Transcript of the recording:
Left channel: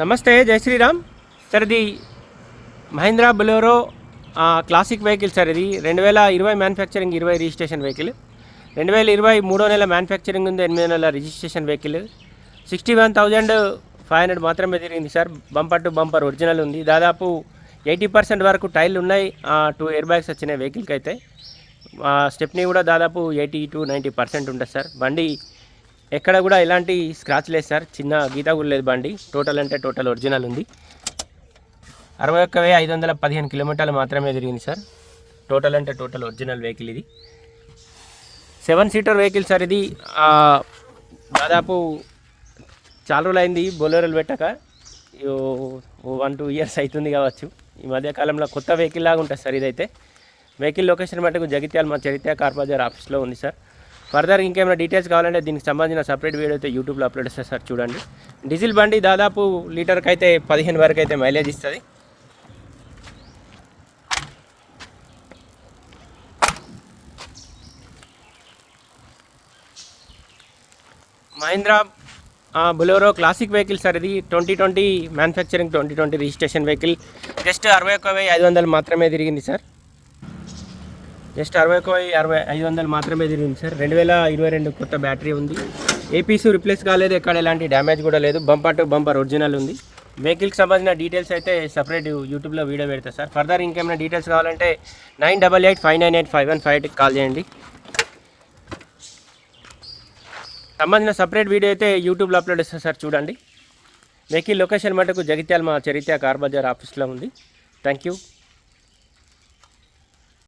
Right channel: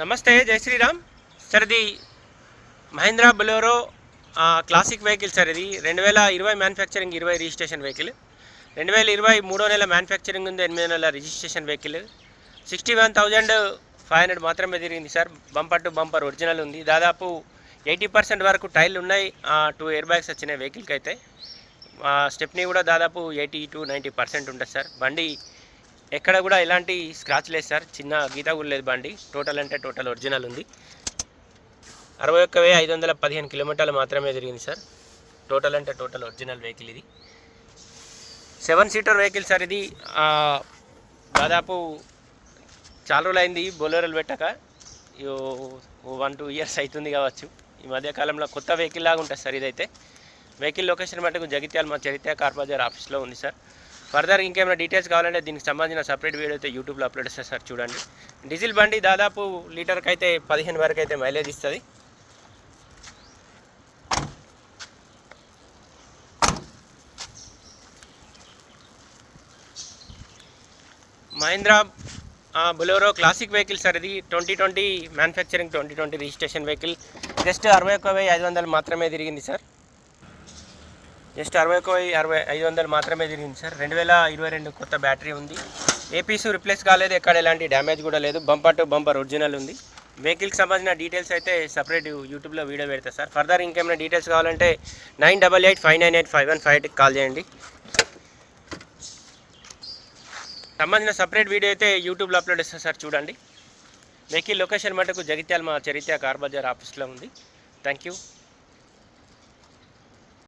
నమస్తే జై శ్రీరామ్. సార్ ఇది Mahindra Bolero classic vehicle sir ఇది. రెండు వేల ఇరవై మ్యానుఫ్యాక్చరింగ్ ఇరవై రిజిస్ట్రేషన్ వెహికల్. రెండు వేల ఇరవై మూడో నెల మ్యానుఫ్యాక్చరింగ్ ఉంది ఎనిమిదో నెల registration vehicle. Sixty one thousand five hundred మాత్రమే తిరిగింది sir. Bumper to bumper original ఉంది. దాదాపు ఎయిటీ పర్సెంట్ వరకు టైర్లు ఉన్నాయి టూ ఎయిర్ బ్యాగ్స్ వచ్చినాయి వెహికల్కి అయితే స్టెప్ని కూడా దాదాపు ఎయిటీ టు నైంటీ పర్సెంట్ ఉంటుంది సార్. బండి ఎక్కడ కూడా ఎలాంటి స్క్రాచ్ లేదు సార్ చిన్న గీత కూడా లేదు బండి. టోటల్ అంటే టోటల్ ఒరిజినల్ ఉంది. అరవై ఒక్క వెయ్యి ఐదు వందల పదిహేను కిలోమీటర్లు మాత్రమే తిరిగింది సార్ టోటల్ అంటే టోటల్ ఒరిజినల్ వెహికల్ ఇది. సెవెన్ సీటర్ వెహికల్ సార్ ఇది. దాదాపు చాలా రోజులు అయింది. బొలోరోలు పెట్టక. వన్ టూ ఇయర్స్ అవుతుంది కావచ్చు. ఈ మధ్యకాలంలో కొత్త వెహికల్ లాగా ఉంటుంది సార్ ఇదైతే. వెహికల్ లొకేషన్ మటుకు జగిత్యాల మా చరిత్ర కార్ బజార్ ఆఫీస్లో ఉంది సార్ ఫర్దర్ ఇంకేమైనా డీటెయిల్స్ కావాలంటే దీనికి సంబంధించిన సపరేట్ వీడియో అయితే యూట్యూబ్లో అప్లోడ్ చేస్తారు సార్ చూడండి. డీజిల్ బండి దాదాపు లీటర్కి అయితే పదిహేను వరకు అయితే మైలేజ్ ఇస్తుంది. Mahindra Bolero classic vehicle sir ఇది. Twenty twenty manufacturing twenty twenty registration vehicle. Just అరవై ఒక్క వెయ్యి ఐదు వందలు మాత్రమే తిరిగింది సార్. జస్ట్ అరవై ఒక అరవై ఐదు వందలు మాత్రమే తిరిగింది సార్. రెండు వేల ఇరవై రెండు కొత్త బ్యాటరీ ఉంది. ఏపీసీ రిప్లేస్ కాలేదు ఎక్కడ ఎలాంటి డ్యామేజ్ కూడా లేదు. బంపర్ టు బంపర్ ఒరిజినల్ ఉంది. వెహికల్కి సంబంధించిన డీటెయిల్స్ అయితే సపరేట్ యూట్యూబ్లో వీడియో పెడతా సార్. ఫర్దర్ ఇంకేమైనా డీటెయిల్స్ కావాలంటే nine double eight five nine eight five one five ఎయిట్కి కాల్ చేయండి. సంబంధించిన సపరేట్ వీడియో అయితే యూట్యూబ్లో అప్లోడ్ చేస్తా సార్ చూడండి. వెహికల్ లొకేషన్ మటుకు జగిత్యాల మా చరిత్ర కార్ బజార్ ఆఫీస్లో ఉంది. Thank you